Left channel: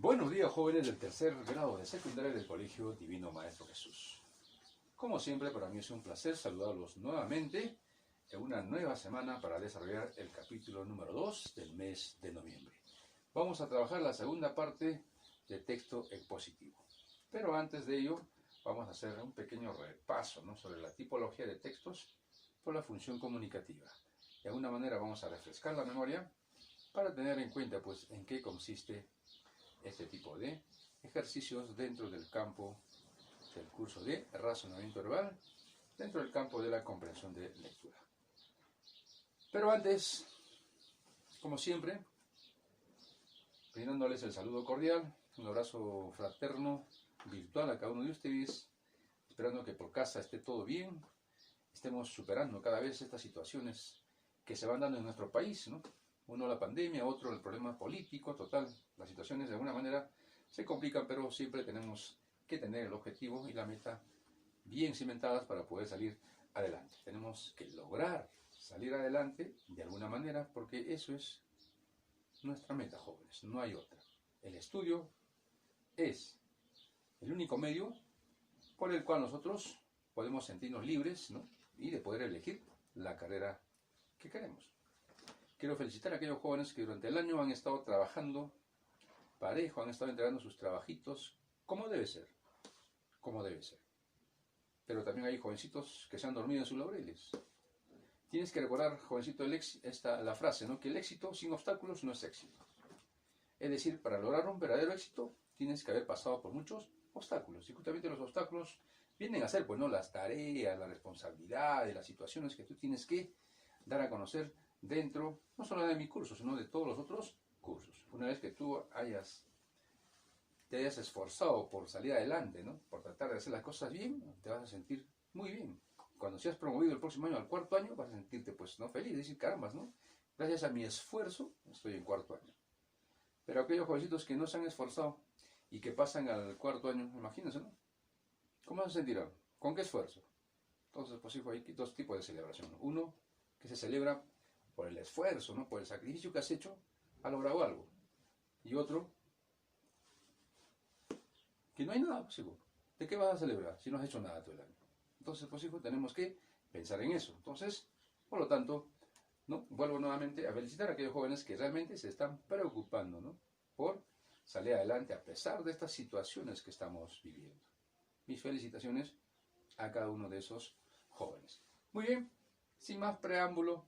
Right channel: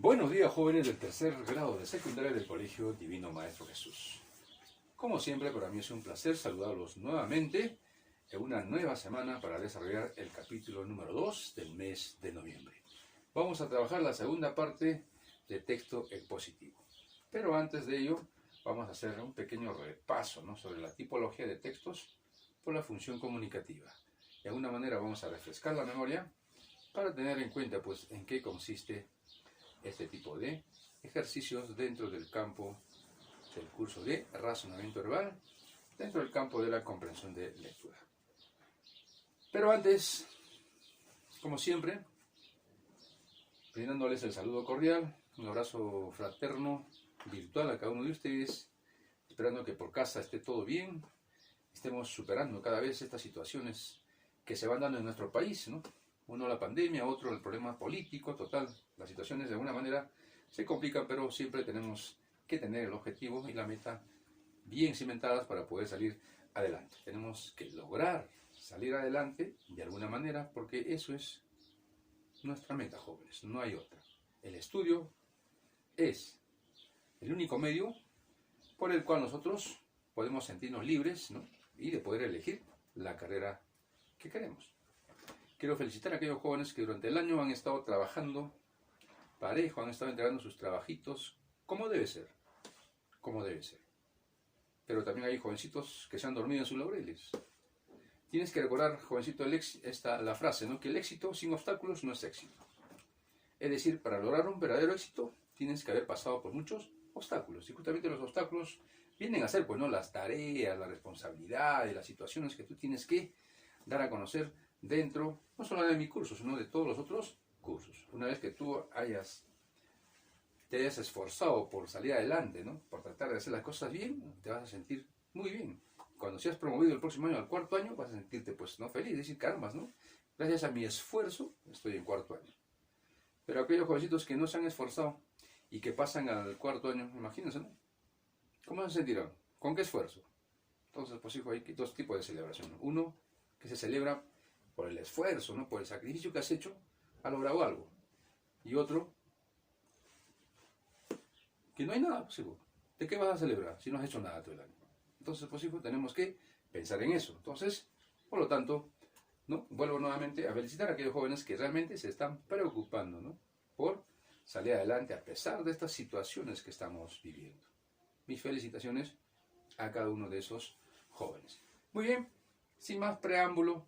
Buenos días, jóvenes del tercer grado de secundaria del Colegio Divino Maestro Jesús. Como siempre, para mí es un placer saludarlos nuevamente en una nueva semana para desarrollar el capítulo número 2 del mes de noviembre. Vamos a trabajar la segunda parte de texto expositivo. Pero antes de ello, vamos a hacer un pequeño repaso, ¿no?, sobre la tipología de textos por la función comunicativa. De alguna manera vamos a refrescar la memoria para tener en cuenta, pues, en qué consiste este tipo de ejercicios dentro del campo del curso de razonamiento verbal, dentro del campo de la comprensión de lectura. Pero antes, como siempre, brindándoles el saludo cordial, un abrazo fraterno, virtual a cada uno de ustedes, esperando que por casa esté todo bien, estemos superando cada vez estas situaciones que se van dando en nuestro país, ¿no? Uno la pandemia, otro el problema político, total. Las situaciones de alguna manera se complican, pero siempre tenemos que tener el objetivo y la meta bien cimentadas para poder salir adelante. Tenemos que lograr salir adelante de alguna manera, porque eso es nuestra meta, jóvenes, no hay otra. El estudio es el único medio por el cual nosotros podemos sentirnos libres, ¿no?, y de poder elegir la carrera que queremos. Quiero felicitar a aquellos jóvenes que durante el año han estado trabajando parejo, han estado entregando sus trabajitos como debe ser, como debe ser. Pero también hay jovencitos que se han dormido en sus laureles. Tienes que recordar, jovencito, la frase, ¿no?, que el éxito sin obstáculos no es éxito. Es decir, para lograr un verdadero éxito tienes que haber pasado por muchos obstáculos. Y justamente los obstáculos vienen a ser, pues, ¿no?, las tareas, la responsabilidad y las situaciones que tú tienes que dar a conocer dentro, no solo de mi curso, sino de todos los otros cursos. Una vez que tú te hayas esforzado por salir adelante, ¿no?, por tratar de hacer las cosas bien, te vas a sentir muy bien. Cuando seas promovido el próximo año al cuarto año, vas a sentirte, pues, ¿no?, feliz, decir, caramba, ¿no?, gracias a mi esfuerzo estoy en cuarto año. Pero aquellos jovencitos que no se han esforzado y que pasan al cuarto año, imagínense, ¿no?, ¿cómo se sentirán? ¿Con qué esfuerzo? Entonces, pues, hijo, hay dos tipos de celebración. Uno que se celebra por el esfuerzo, ¿no?, por el sacrificio que has hecho, has logrado algo. Y otro, que no hay nada, pues, hijo. ¿De qué vas a celebrar si no has hecho nada todo el año? Entonces, pues, hijo, tenemos que pensar en eso. Entonces, por lo tanto, ¿no?, vuelvo nuevamente a felicitar a aquellos jóvenes que realmente se están preocupando, ¿no?, por salir adelante a pesar de estas situaciones que estamos viviendo. Mis felicitaciones a cada uno de esos jóvenes. Muy bien, sin más preámbulo,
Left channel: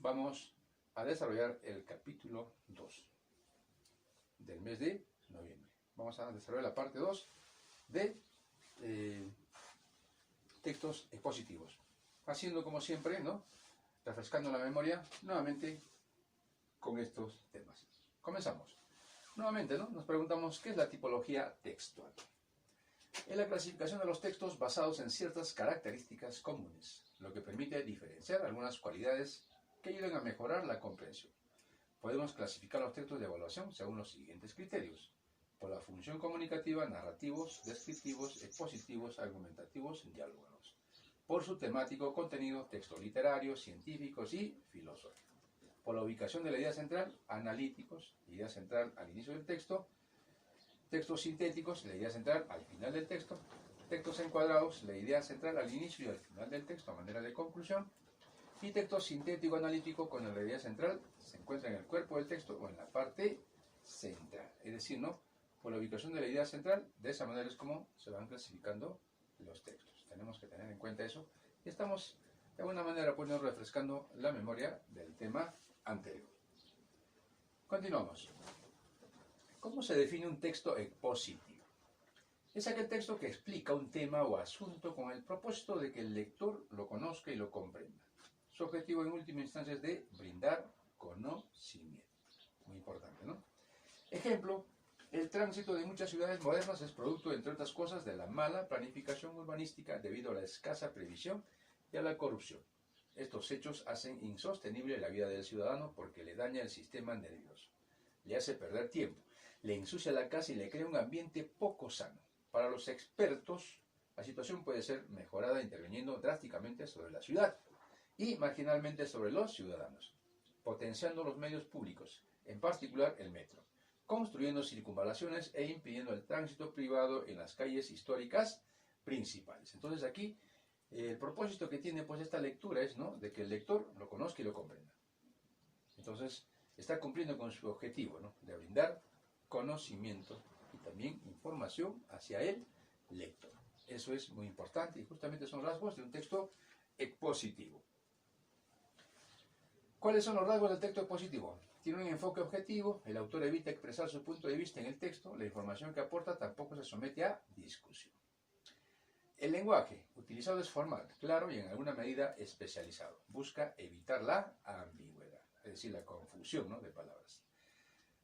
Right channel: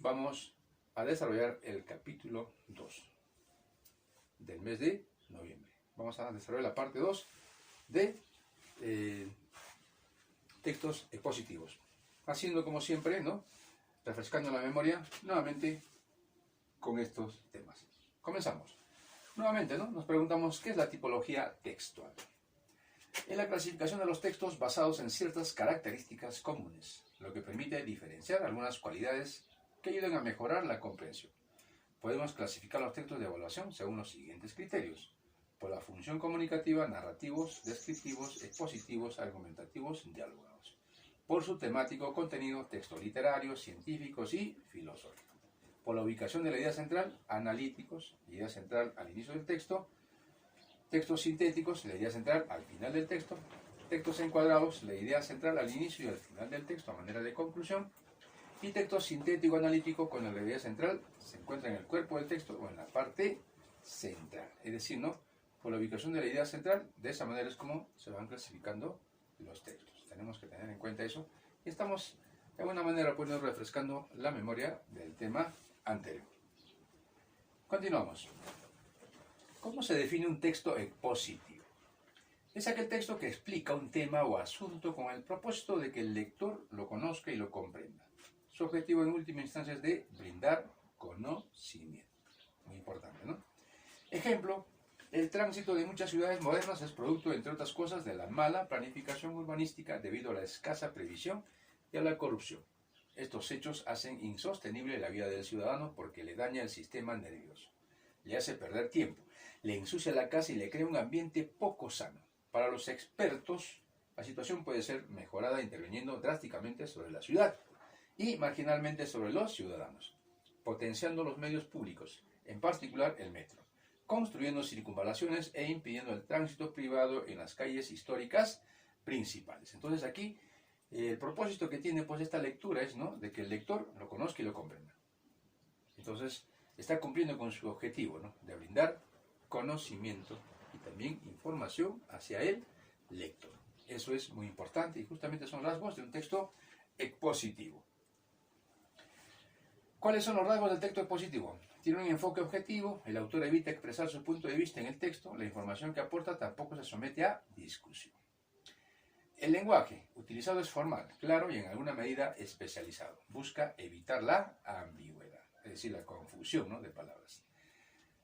vamos a desarrollar el capítulo 2 del mes de noviembre. Vamos a desarrollar la parte 2 de textos expositivos. Haciendo como siempre, ¿no?, refrescando la memoria nuevamente con estos temas. Comenzamos. Nuevamente, ¿no?, nos preguntamos, ¿qué es la tipología textual? Es la clasificación de los textos basados en ciertas características comunes, lo que permite diferenciar algunas cualidades que ayudan a mejorar la comprensión. Podemos clasificar los textos de evaluación según los siguientes criterios: por la función comunicativa, narrativos, descriptivos, expositivos, argumentativos, diálogos; por su temático, contenido, texto literario, científicos y filosófico; por la ubicación de la idea central, analíticos, idea central al inicio del texto; textos sintéticos, la idea central al final del texto; textos encuadrados, la idea central al inicio y al final del texto a manera de conclusión; y texto sintético-analítico, con la idea central se encuentra en el cuerpo del texto o en la parte central. Es decir, ¿no?, por la ubicación de la idea central, de esa manera es como se van clasificando los textos. Tenemos que tener en cuenta eso. Y estamos, de alguna manera, pues, refrescando la memoria del tema anterior. Continuamos. ¿Cómo se define un texto expositivo? Es aquel texto que explica un tema o asunto con el propósito de que el lector lo conozca y lo comprenda. Su objetivo en última instancia es de brindar conocimiento. Muy importante, ¿no? Ejemplo: el tránsito de muchas ciudades modernas es producto, entre otras cosas, de la mala planificación urbanística debido a la escasa previsión y a la corrupción. Estos hechos hacen insostenible la vida del ciudadano porque le daña el sistema nervioso, le hace perder tiempo, le ensucia la casa y le crea un ambiente poco sano. Para los expertos, la situación puede ser mejorada interviniendo drásticamente sobre la ciudad y marginalmente sobre los ciudadanos, potenciando los medios públicos, en particular el metro, construyendo circunvalaciones e impidiendo el tránsito privado en las calles históricas principales. Entonces aquí el propósito que tiene pues esta lectura es, ¿no?, de que el lector lo conozca y lo comprenda. Entonces está cumpliendo con su objetivo, ¿no?, de brindar conocimiento y también información hacia el lector. Eso es muy importante y justamente son rasgos de un texto expositivo. ¿Cuáles son los rasgos del texto expositivo? Tiene un enfoque objetivo, el autor evita expresar su punto de vista en el texto, la información que aporta tampoco se somete a discusión. El lenguaje utilizado es formal, claro y en alguna medida especializado. Busca evitar la ambigüedad, es decir, la confusión, ¿no?, de palabras.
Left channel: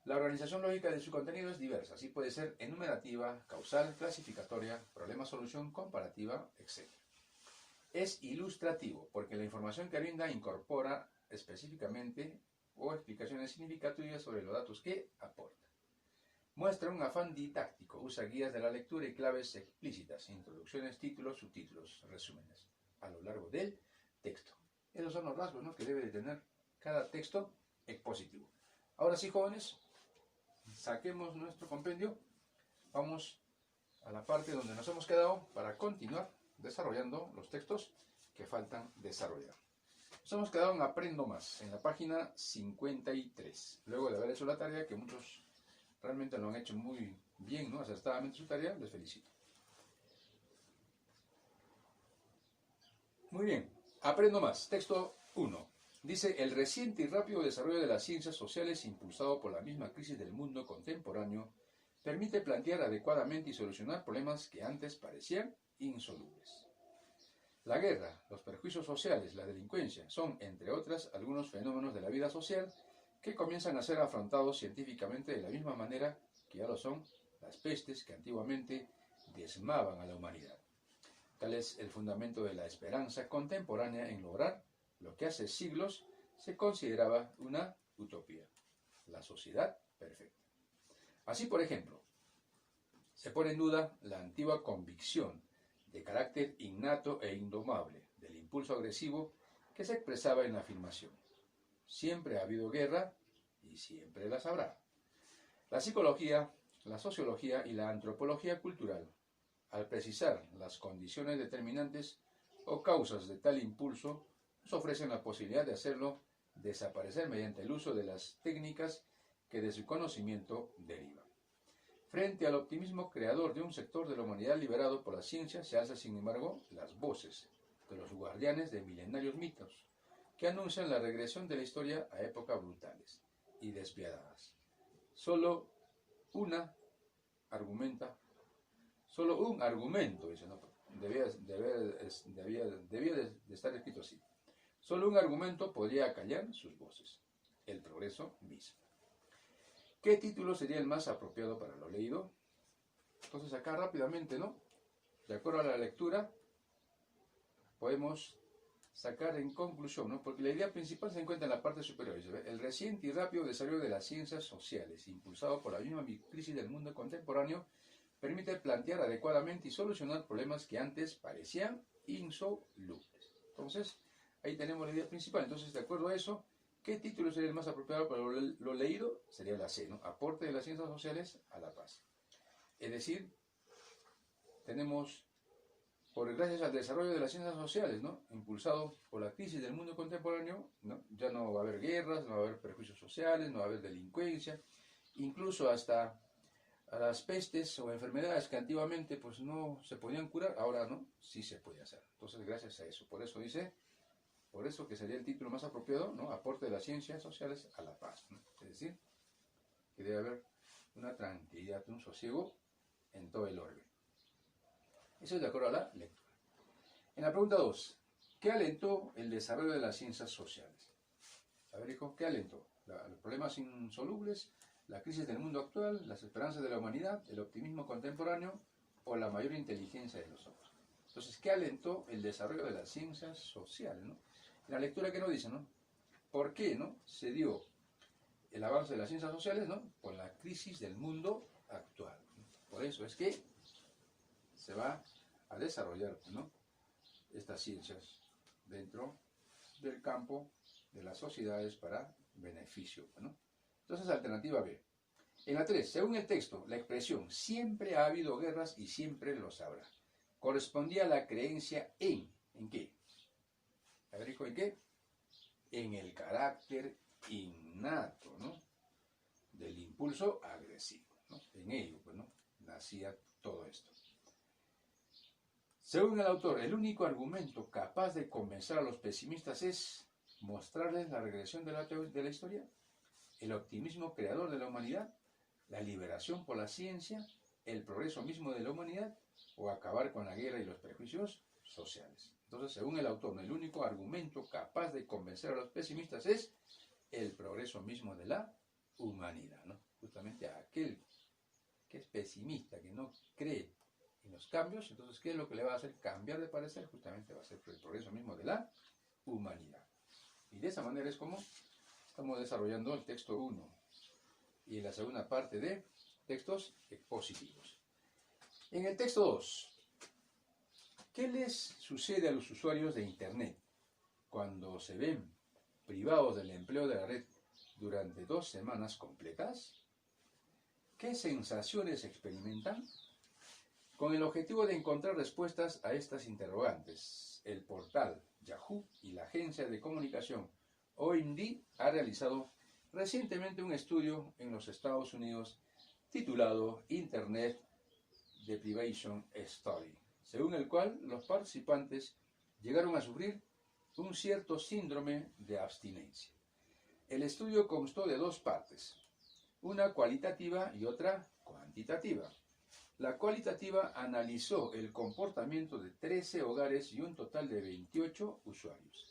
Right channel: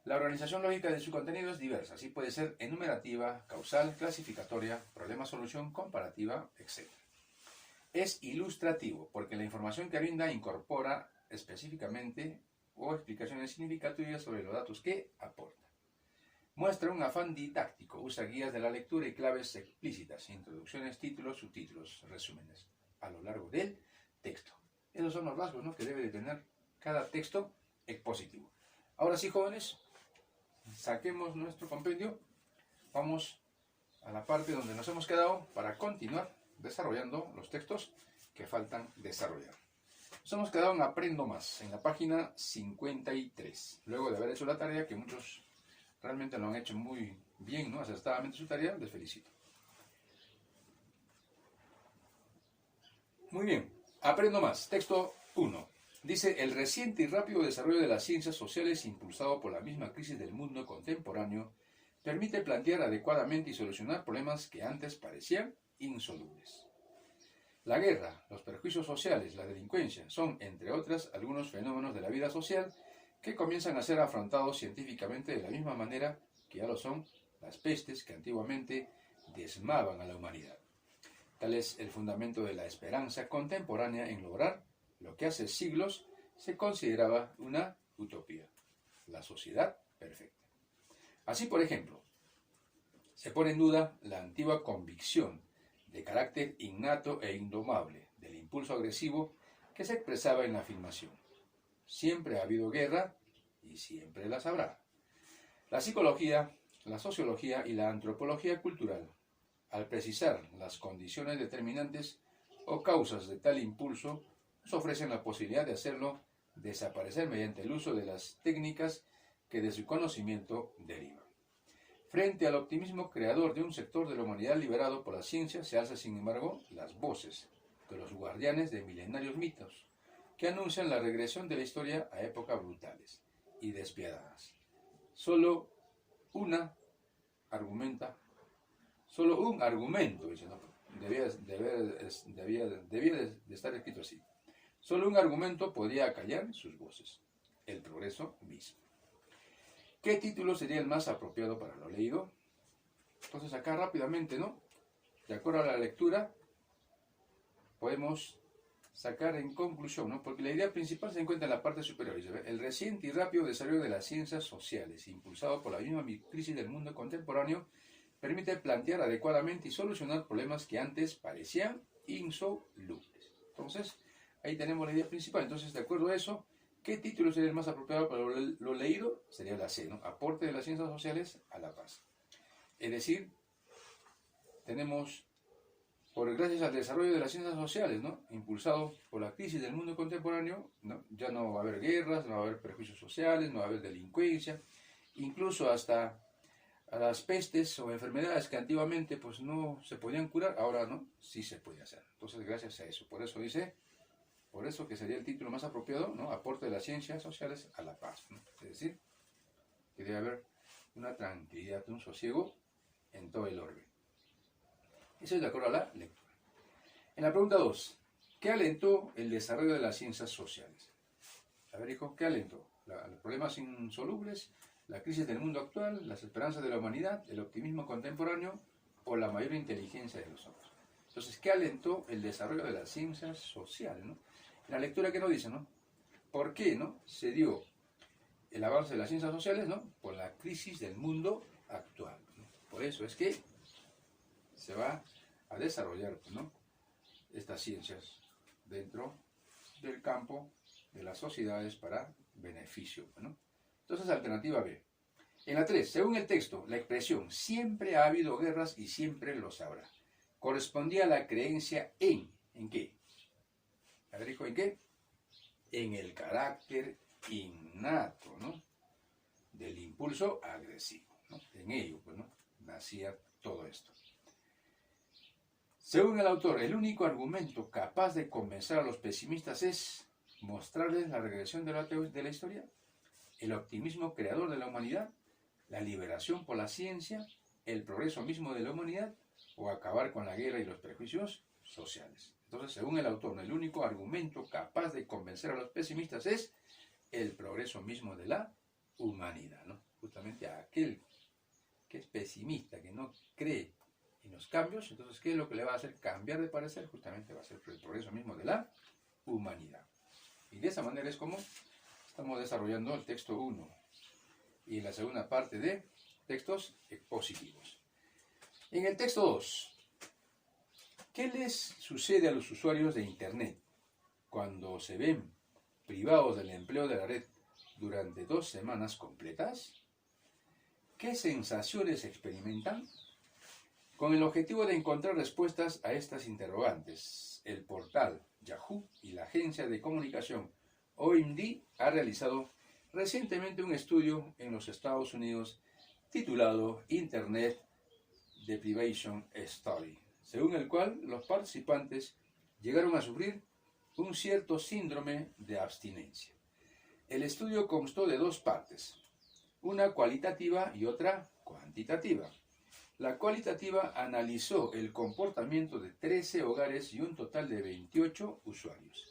La organización lógica de su contenido es diversa, así puede ser enumerativa, causal, clasificatoria, problema-solución, comparativa, etc. Es ilustrativo, porque la información que brinda incorpora específicamente o explicaciones significativas sobre los datos que aporta. Muestra un afán didáctico, usa guías de la lectura y claves explícitas, introducciones, títulos, subtítulos, resúmenes, a lo largo del texto. Esos son los rasgos, ¿no?, que debe de tener cada texto expositivo. Ahora sí, jóvenes, saquemos nuestro compendio, vamos a la parte donde nos hemos quedado para continuar desarrollando los textos que faltan desarrollar. Nos hemos quedado en Aprendo Más, en la página 53. Luego de haber hecho la tarea, que muchos realmente lo han hecho muy bien, ¿no?, acertadamente su tarea, les felicito. Muy bien, Aprendo Más, texto 1. Dice, el reciente y rápido desarrollo de las ciencias sociales impulsado por la misma crisis del mundo contemporáneo permite plantear adecuadamente y solucionar problemas que antes parecían insolubles. La guerra, los perjuicios sociales, la delincuencia son, entre otras, algunos fenómenos de la vida social que comienzan a ser afrontados científicamente de la misma manera que ya lo son las pestes que antiguamente diezmaban a la humanidad. Tal es el fundamento de la esperanza contemporánea en lograr lo que hace siglos se consideraba una utopía, la sociedad perfecta. Así, por ejemplo, se pone en duda la antigua convicción de carácter innato e indomable del impulso agresivo que se expresaba en la afirmación: siempre ha habido guerra y siempre las habrá. La psicología, la sociología y la antropología cultural, al precisar las condiciones determinantes o causas de tal impulso, nos ofrecen la posibilidad de hacerlo desaparecer mediante el uso de las técnicas que de su conocimiento derivan. Frente al optimismo creador de un sector de la humanidad liberado por la ciencia, se alzan, sin embargo, las voces de los guardianes de milenarios mitos, que anuncian la regresión de la historia a épocas brutales y despiadadas. Solo un argumento, dice, ¿no? Debía de estar escrito así. Solo un argumento podría acallar sus voces: el progreso mismo. ¿Qué título sería el más apropiado para lo leído? Entonces acá rápidamente, ¿no?, de acuerdo a la lectura, podemos sacar en conclusión, ¿no?, porque la idea principal se encuentra en la parte superior. Dice, el reciente y rápido desarrollo de las ciencias sociales, impulsado por la misma crisis del mundo contemporáneo, permite plantear adecuadamente y solucionar problemas que antes parecían insolubles. Entonces, ahí tenemos la idea principal. Entonces, de acuerdo a eso, ¿qué título sería el más apropiado para lo leído? Sería la C, ¿no?, aporte de las ciencias sociales a la paz. Es decir, tenemos, gracias al desarrollo de las ciencias sociales, ¿no?, impulsado por la crisis del mundo contemporáneo, ¿no?, ya no va a haber guerras, no va a haber perjuicios sociales, no va a haber delincuencia, incluso hasta a las pestes o enfermedades que antiguamente pues no se podían curar, ahora no, sí se puede hacer. Entonces, gracias a eso, por eso que sería el título más apropiado, ¿no?, aporte de las ciencias sociales a la paz, ¿no? Es decir, que debe haber una tranquilidad, un sosiego en todo el orbe. Eso es de acuerdo a la lectura. En la pregunta 2, ¿qué alentó el desarrollo de las ciencias sociales? A ver, hijo, ¿qué alentó? Los problemas insolubles, la crisis del mundo actual, las esperanzas de la humanidad, el optimismo contemporáneo o la mayor inteligencia de los hombres. Entonces, ¿qué alentó el desarrollo de las ciencias sociales, ¿no? La lectura que nos dice, ¿no?, ¿por qué, no, se dio el avance de las ciencias sociales, ¿no?, por la crisis del mundo actual, ¿no? Por eso es que se va a desarrollar, ¿no?, estas ciencias dentro del campo de las sociedades para beneficio, ¿no? Entonces, alternativa B. En la 3, según el texto, la expresión siempre ha habido guerras y siempre los habrá correspondía a la creencia ¿en qué? A ver, hijo, ¿en qué? En el carácter innato, ¿no? Del impulso agresivo, ¿no? En ello, pues, ¿no? Nacía todo esto. Según el autor, el único argumento capaz de convencer a los pesimistas es mostrarles la regresión de la historia, el optimismo creador de la humanidad, la liberación por la ciencia, el progreso mismo de la humanidad, o acabar con la guerra y los prejuicios sociales. Entonces, según el autor, el único argumento capaz de convencer a los pesimistas es el progreso mismo de la humanidad, ¿no? Justamente a aquel que es pesimista, que no cree en los cambios, entonces, ¿qué es lo que le va a hacer cambiar de parecer? Justamente va a ser el progreso mismo de la humanidad. Y de esa manera es como estamos desarrollando el texto 1 y la segunda parte de textos expositivos. En el texto 2, ¿qué les sucede a los usuarios de Internet cuando se ven privados del empleo de la red durante 2 semanas completas? ¿Qué sensaciones experimentan? Con el objetivo de encontrar respuestas a estas interrogantes, el portal Yahoo y la agencia de comunicación OMD ha realizado recientemente un estudio en los Estados Unidos titulado Internet Deprivation Study, según el cual los participantes llegaron a sufrir un cierto síndrome de abstinencia. El estudio constó de 2 partes, una cualitativa y otra cuantitativa. La cualitativa analizó el comportamiento de 13 hogares y un total de 28 usuarios,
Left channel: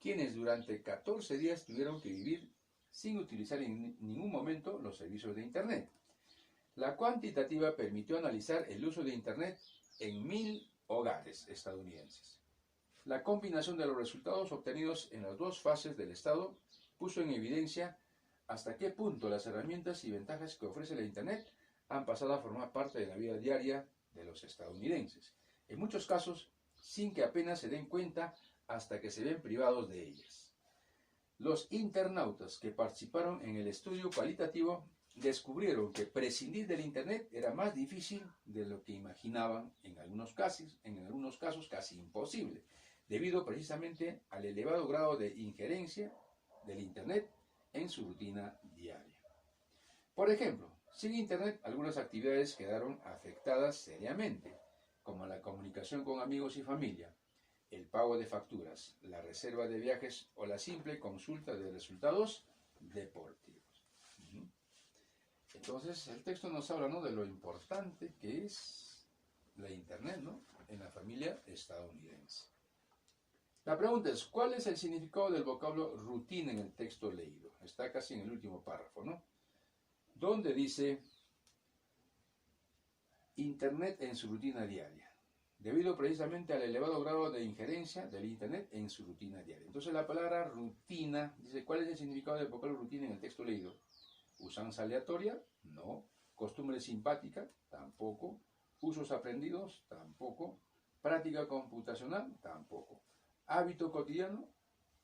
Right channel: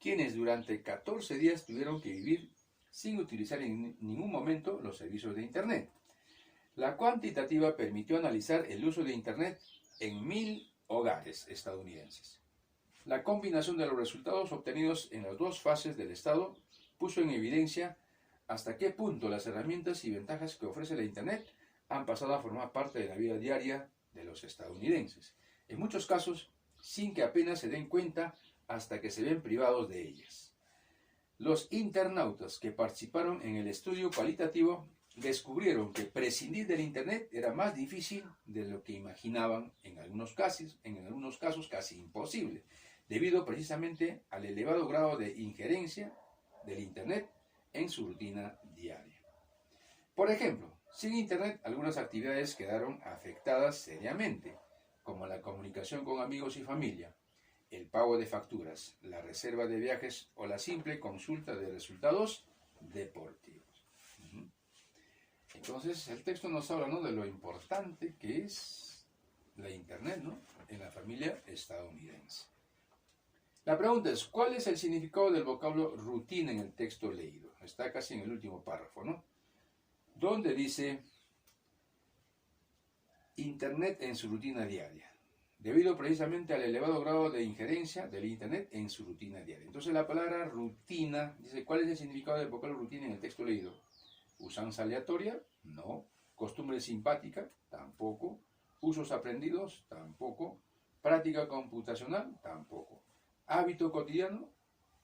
quienes durante 14 días tuvieron que vivir sin utilizar en ningún momento los servicios de Internet. La cuantitativa permitió analizar el uso de Internet en 1000 hogares estadounidenses. La combinación de los resultados obtenidos en las 2 fases del estado puso en evidencia hasta qué punto las herramientas y ventajas que ofrece la Internet han pasado a formar parte de la vida diaria de los estadounidenses, en muchos casos sin que apenas se den cuenta hasta que se ven privados de ellas. Los internautas que participaron en el estudio cualitativo descubrieron que prescindir del Internet era más difícil de lo que imaginaban, en algunos casos casi imposible, debido precisamente al elevado grado de injerencia del Internet en su rutina diaria. Por ejemplo, sin Internet algunas actividades quedaron afectadas seriamente, como la comunicación con amigos y familia, el pago de facturas, la reserva de viajes o la simple consulta de resultados deportivos. Entonces, el texto nos habla, ¿no?, de lo importante que es la Internet, ¿no?, en la familia estadounidense. La pregunta es, ¿cuál es el significado del vocablo rutina en el texto leído? Está casi en el último párrafo, ¿no?, donde dice Internet en su rutina diaria, debido precisamente al elevado grado de injerencia del Internet en su rutina diaria. Entonces la palabra rutina, dice, ¿cuál es el significado del vocablo rutina en el texto leído? ¿Usanza aleatoria? No. ¿Costumbre simpática? Tampoco. ¿Usos aprendidos? Tampoco. ¿Práctica computacional? Tampoco. ¿Hábito cotidiano?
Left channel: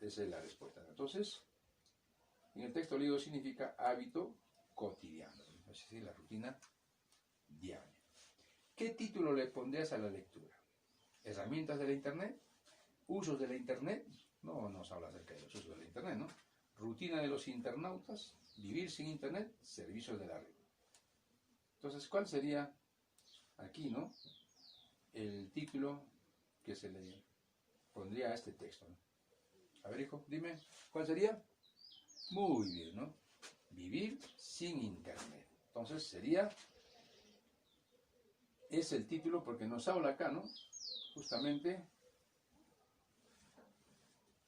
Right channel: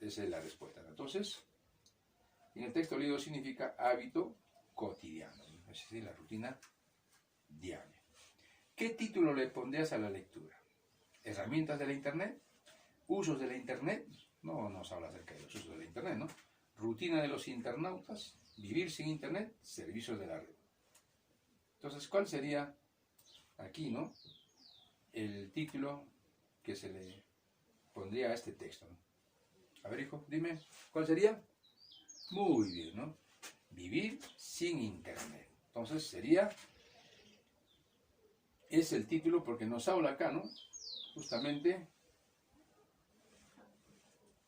Esa es la respuesta. Entonces, en el texto leído significa hábito cotidiano, es decir, la rutina diaria. ¿Qué título le pondrías a la lectura? ¿Herramientas de la Internet? ¿Usos de la Internet? No nos habla acerca de los usos de la Internet, ¿no? ¿Rutina de los internautas? ¿Vivir sin Internet? Servicios de la red. Entonces, ¿cuál sería aquí, ¿no?, el título que se le pondría a este texto, ¿no? A ver, hijo, dime, ¿cuál sería? Muy bien, ¿no? Vivir sin Internet. Entonces sería, es el título porque nos habla acá, ¿no?, justamente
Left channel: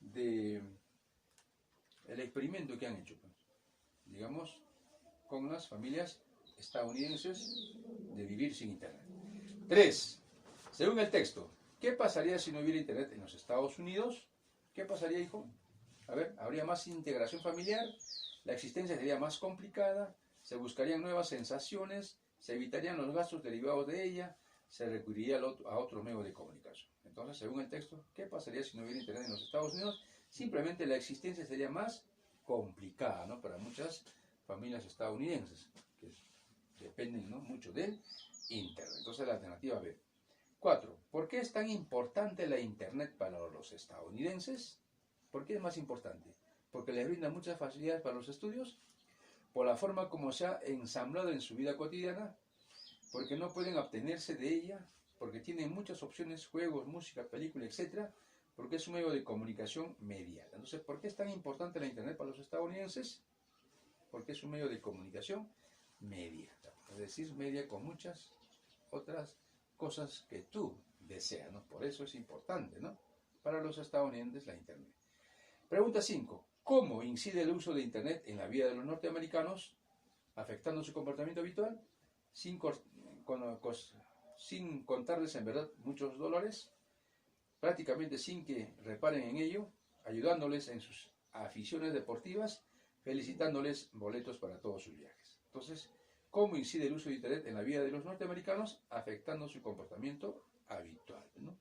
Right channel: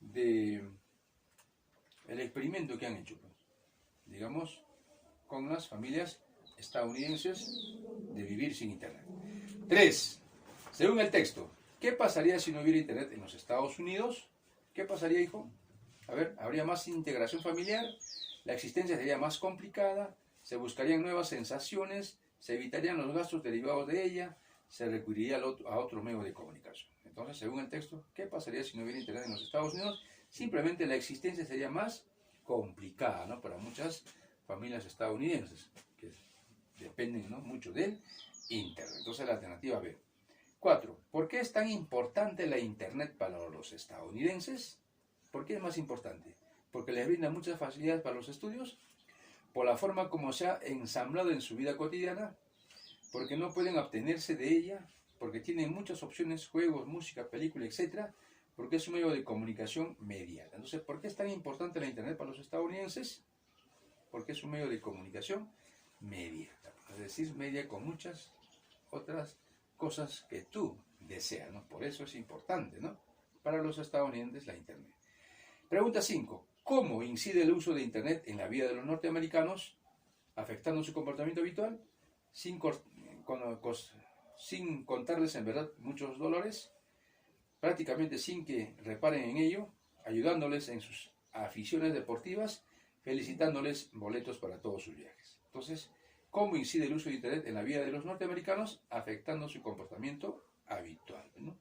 de el experimento que han hecho, pues, digamos, con las familias estadounidenses de vivir sin Internet. 3. Según el texto, ¿qué pasaría si no hubiera Internet en los Estados Unidos? ¿Qué pasaría, hijo? A ver, ¿habría más integración familiar? ¿La existencia sería más complicada? ¿Se buscarían nuevas sensaciones? ¿Se evitarían los gastos derivados de ella? ¿Se recurriría a otro medio de comunicación? Entonces, según el texto, ¿qué pasaría si no hubiera Internet en los Estados Unidos? Simplemente la existencia sería más complicada, ¿no?, para muchas familias estadounidenses que dependen, ¿no?, mucho del Internet. Entonces la alternativa B. 4. ¿Por qué es tan importante la Internet para los estadounidenses? ¿Por qué es más importante? Porque les brinda muchas facilidades para los estudios, por la forma como se ha ensamblado en su vida cotidiana, porque no pueden abstenerse de ella, porque tienen muchas opciones, juegos, música, película, etc., porque es un medio de comunicación medial. Entonces, ¿por qué es tan importante la Internet para los estadounidenses? Porque es un medio de comunicación mediata, es decir, media con muchas otras cosas que tú deseas, ¿no? Por eso es importante, ¿no?, para los estadounidenses la Internet. Pregunta 5. ¿Cómo incide el uso de Internet en la vida de los norteamericanos, afectando su comportamiento habitual, sin contarles en verdad muchos dolores, prácticamente sin que reparen en ello, ayudándoles en sus aficiones deportivas, felicitándoles boletos para todos sus viajes? Entonces, ¿cómo incide el uso de Internet en la vida de los norteamericanos, afectando su comportamiento habitual, ¿no?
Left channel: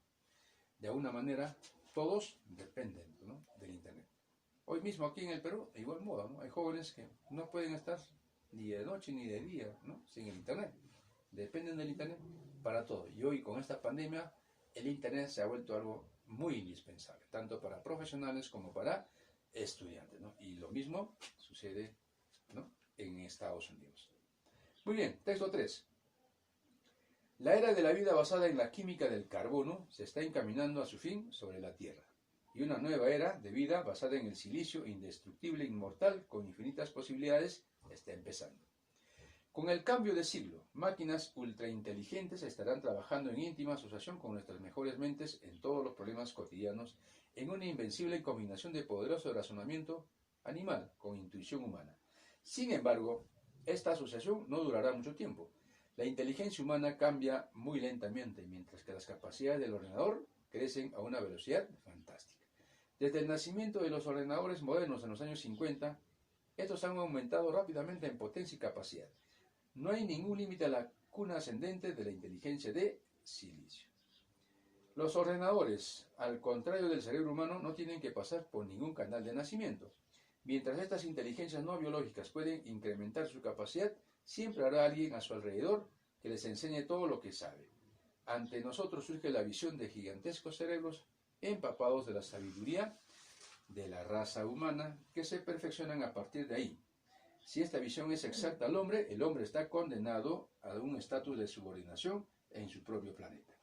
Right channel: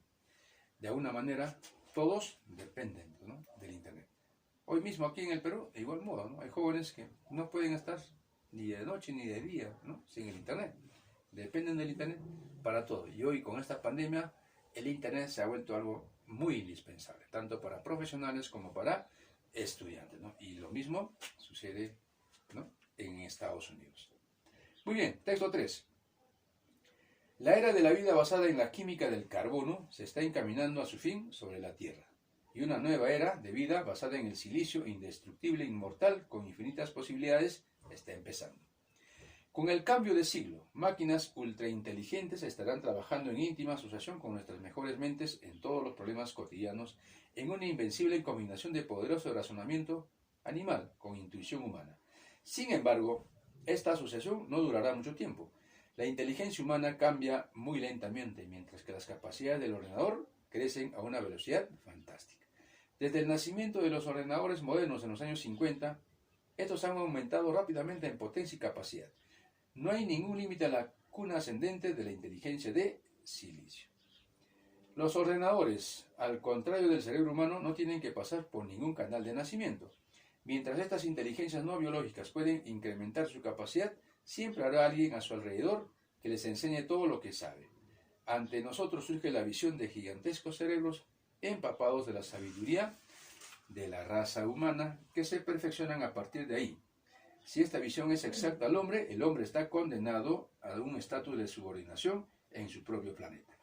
De alguna manera, todos dependen, ¿no?, del Internet. Hoy mismo aquí en el Perú, de igual modo, ¿no?, hay jóvenes que no pueden estar ni de noche ni de día, ¿no?, sin el Internet. Dependen del Internet para todo. Y hoy, con esta pandemia, el Internet se ha vuelto algo muy indispensable, tanto para profesionales como para estudiantes, ¿no? Y lo mismo sucede, ¿no?, en Estados Unidos. Muy bien, texto 3. La era de la vida basada en la química del carbono se está encaminando a su fin sobre la Tierra, y una nueva era de vida basada en el silicio indestructible, inmortal, con infinitas posibilidades, está empezando. Con el cambio de siglo, máquinas ultrainteligentes estarán trabajando en íntima asociación con nuestras mejores mentes en todos los problemas cotidianos, en una invencible combinación de poderoso razonamiento animal con intuición humana. Sin embargo, esta asociación no durará mucho tiempo. La inteligencia humana cambia muy lentamente, mientras que las capacidades del ordenador crecen a una velocidad fantástica. Desde el nacimiento de los ordenadores modernos en los años 50, estos han aumentado rápidamente en potencia y capacidad. No hay ningún límite a la cuna ascendente de la inteligencia de silicio. Los ordenadores, al contrario del cerebro humano, no tienen que pasar por ningún canal de nacimiento. Mientras estas inteligencias no biológicas pueden incrementar su capacidad, siempre habrá alguien a su alrededor que les enseñe todo lo que sabe. Ante nosotros surge la visión de gigantescos cerebros empapados de la sabiduría de la raza humana, que se perfeccionan a partir de ahí. Si esta visión es exacta al hombre, el hombre está condenado a un estatus de subordinación en su propio planeta.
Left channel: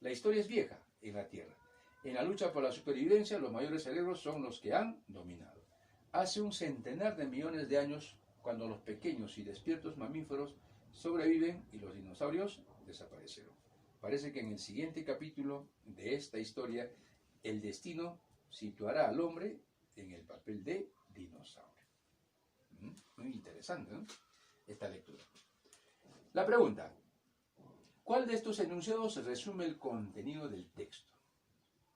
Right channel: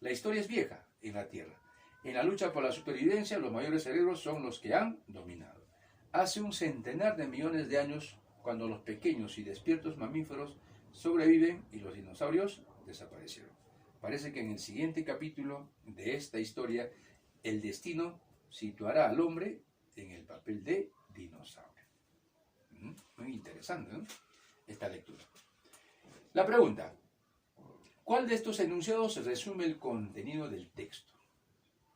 La historia es vieja en la Tierra. En la lucha por la supervivencia, los mayores cerebros son los que han dominado. Hace un centenar de millones de años, cuando los pequeños y despiertos mamíferos sobreviven y los dinosaurios desaparecieron. Parece que en el siguiente capítulo de esta historia, el destino situará al hombre en el papel de dinosaurio. Muy interesante, ¿no?, esta lectura. La pregunta: ¿cuál de estos enunciados resume el contenido del texto?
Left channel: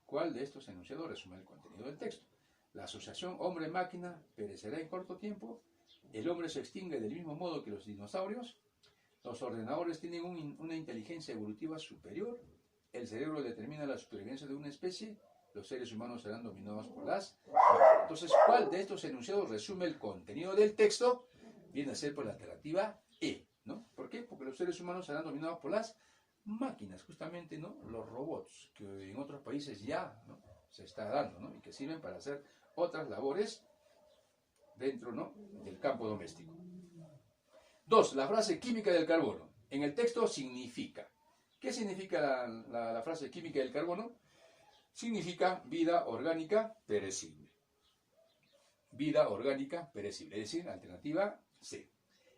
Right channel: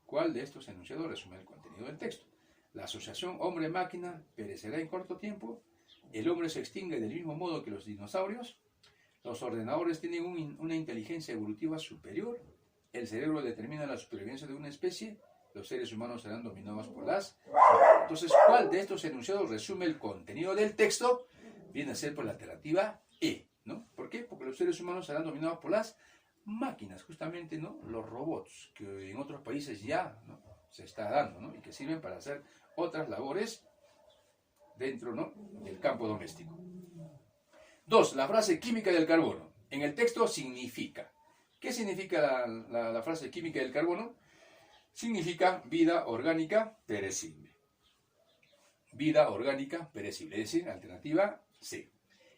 ¿Cuál de estos enunciados resume el contenido del texto? La asociación hombre-máquina perecerá en corto tiempo. El hombre se extingue del mismo modo que los dinosaurios. Los ordenadores tienen una inteligencia evolutiva superior. El cerebro determina la supervivencia de una especie. Los seres humanos serán dominados por las máquinas. Entonces, ¿cuál de estos enunciados resume el contenido del texto? Viene a ser por la alternativa E, ¿no? ¿Por qué? Porque los seres humanos serán dominados por las máquinas, justamente, ¿no?, los robots, que en otros países ya, ¿no?, se está dando, ¿no?, y que sirven para hacer otras labores dentro, ¿no?, del campo doméstico. 2. La frase química del carbono. En el texto significa. ¿Qué significa la frase química del carbono? Significa vida orgánica perecible. Vida orgánica perecible, es decir, alternativa C.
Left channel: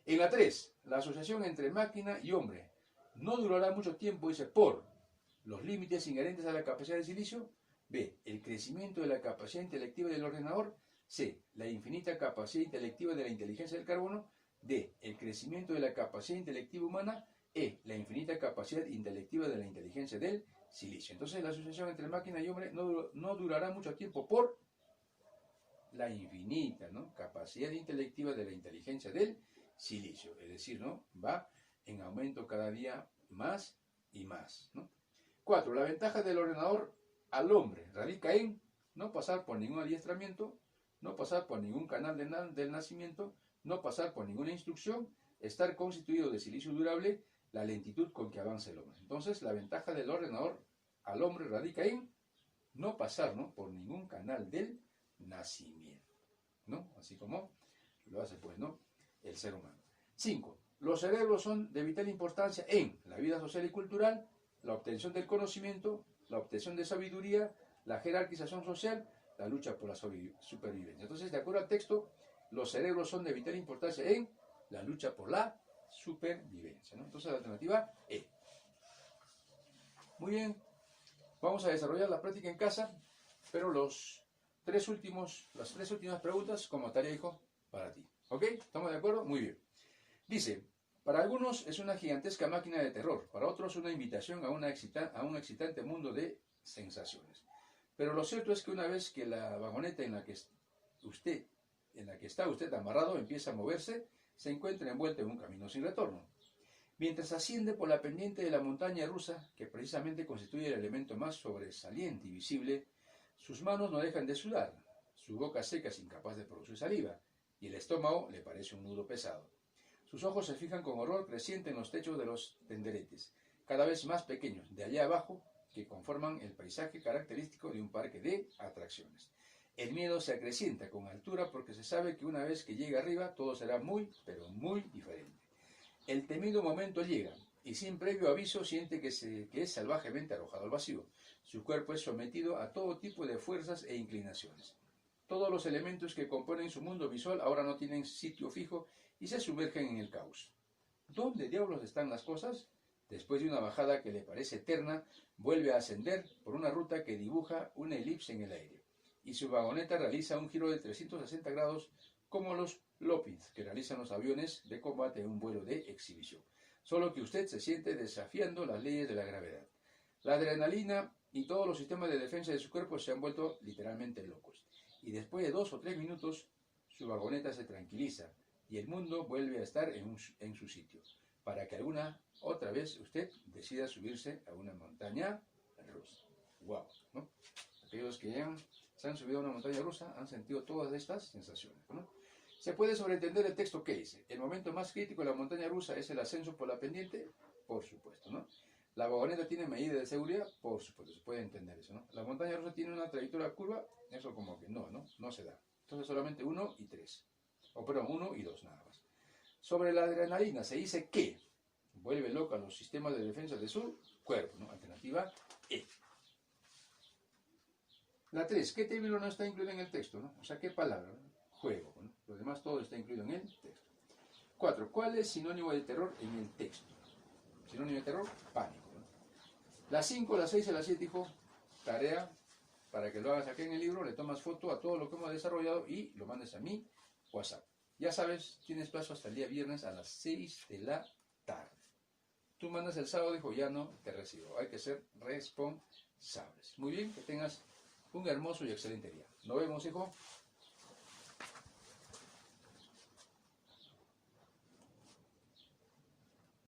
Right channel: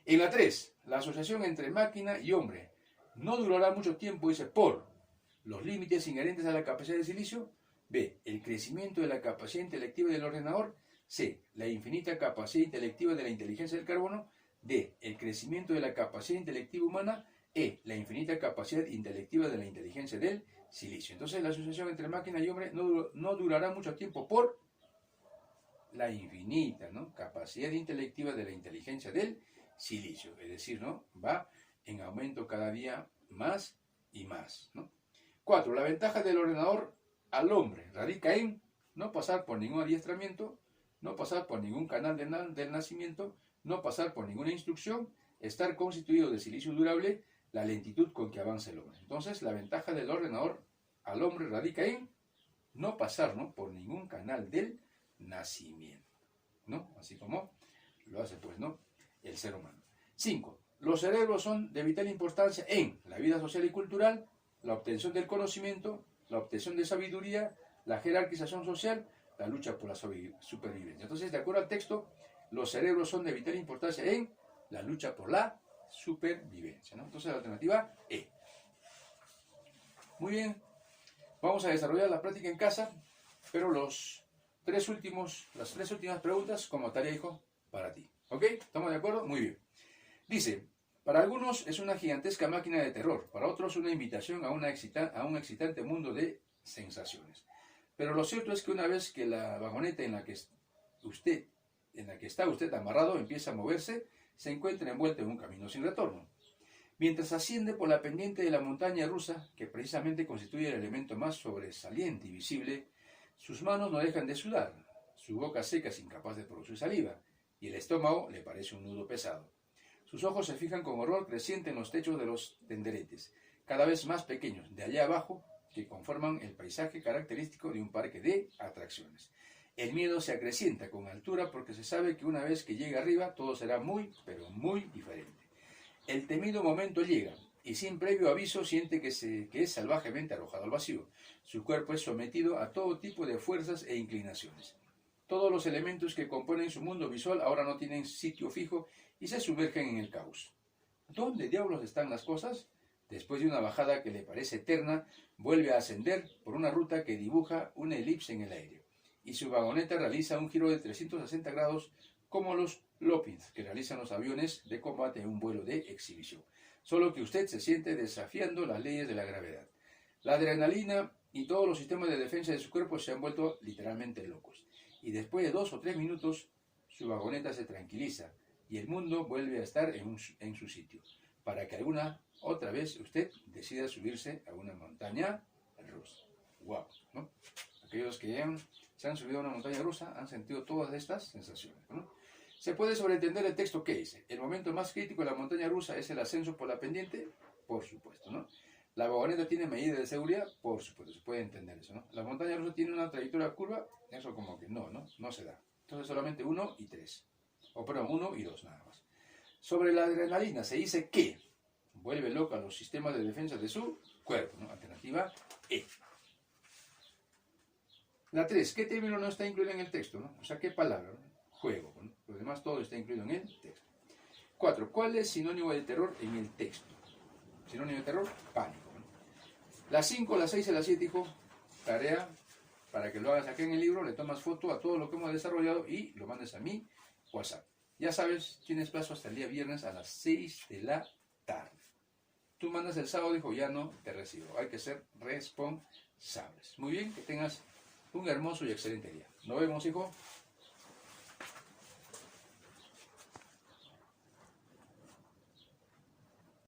En la 3, la asociación entre máquina y hombre no durará mucho tiempo, dice, por los límites inherentes a la capacidad de silicio. B, el crecimiento de la capacidad intelectiva del ordenador. C, la infinita capacidad intelectiva de la inteligencia del carbono. D, el crecimiento de la capacidad intelectiva humana. E, la infinita capacidad intelectiva de la inteligencia del silicio. Entonces, la asociación entre máquina y hombre no durará mucho tiempo por la infinita, ¿no?, capacidad intelectiva de la inteligencia del silicio. Es decir, ¿no?, va en aumento cada día más y más, ¿no? 4. La ventaja del ordenador al hombre radica en no pasar por ningún adiestramiento, no pasar por ningún canal del nacimiento, no pasar por ninguna instrucción, estar constituido de silicio durable, la lentitud con que avanza el hombre. Entonces, la ventaja del ordenador al hombre radica en no pasar, ¿no?, por ningún canal del nacimiento, ¿no? Así como lo hace, pues, ¿no?, el ser humano. 5. Los cerebros son de vital importancia en la vida social y cultural, la obtención del conocimiento, la obtención de sabiduría, la jerarquización social, la lucha por la supervivencia. Entonces, de acuerdo al texto, los cerebros son de vital importancia en la lucha por la supervivencia, ¿no? Entonces, la alternativa E. Muy bien. Vamos a desarrollar la práctica en casa, pero las tres últimas preguntas como tarea, hijo, para ti. ¿Ok? ¿Estamos de acuerdo? Muy bien. Dice, para algunos es una gigantesca máquina de terror, para otros una invitación a un excitante mundo de sensaciones. Pero lo cierto es que una vez que la vagoneta en la que está usted amarrado empieza a moverse, se encuentra envuelto en un camino sin retorno. Mientras asciende por la pendiente de la montaña rusa, que precisamente constituye el elemento más sobresaliente y visible, sus manos no dejan de sudar, su boca seca es incapaz de producir saliva, y el estómago le parece un nudo pesado. Sus ojos se fijan con horror creciente en los techos de los tenderetes, cada vez más pequeños, de allá abajo, que conforman el paisaje característico de un parque de atracciones. El miedo se acrecienta con altura porque se sabe que una vez que llega arriba todo será muy, pero muy diferente. El temido momento llega, y sin previo aviso siente que es salvajemente arrojado al vacío. Su cuerpo es sometido a todo tipo de fuerzas e inclinaciones. Todos los elementos que componen su mundo visual ahora no tienen sitio fijo y se sumergen en el caos. ¿Dónde diablos están las cosas? Después de una bajada que le parece eterna, vuelve a ascender por una ruta que dibuja una elipse en el aire, y su vagoneta realiza un giro de 360 grados como los loopings que realizan los aviones de combate en un vuelo de exhibición. Solo que usted se siente desafiando las leyes de la gravedad. La adrenalina y todos los sistemas de defensa de su cuerpo se han vuelto literalmente locos. Y después de 2 o 3 minutos, su vagoneta se tranquiliza y el mundo vuelve a estar en su sitio, para que alguna otra vez usted decida subirse a una montaña rusa. ¡Wow! ¿No? Aquellos que se han subido a una montaña rusa han sentido todas estas sensaciones, ¿no? Se puede sobreentender el texto que dice: el momento más crítico de la montaña rusa es el ascenso por la pendiente, por supuesto, ¿no? La vagoneta tiene medidas de seguridad, por supuesto, se puede entender eso, ¿no? La montaña rusa tiene una trayectoria curva, eso como que no se da. Entonces solamente 1 y 3, o perdón, 1 y 2 nada más. Sobre la adrenalina se dice que vuelve loca los sistemas de defensa de su cuerpo, ¿no? Alternativa E. La 3, ¿qué término no está incluido en el texto, ¿no? O sea, ¿qué palabra, ¿no? Juego, ¿no? Lo demás todo está incluido en el texto. 4, ¿cuál es sinónimo de terror en el texto? Sinónimo de terror, pánico, ¿no? Las 5, las 6 y las 7, hijo, tarea para que lo hagas aquí en el libro, le tomas foto a todo lo que hemos desarrollado y lo mandes a mi WhatsApp. Ya sabes, tienes plazo hasta el día viernes a las 6 de la tarde. Tú mandas el sábado, dijo, ya no te recibo. Hay que ser responsables. Muy bien, que tengas un hermoso y excelente día. Nos vemos, hijo.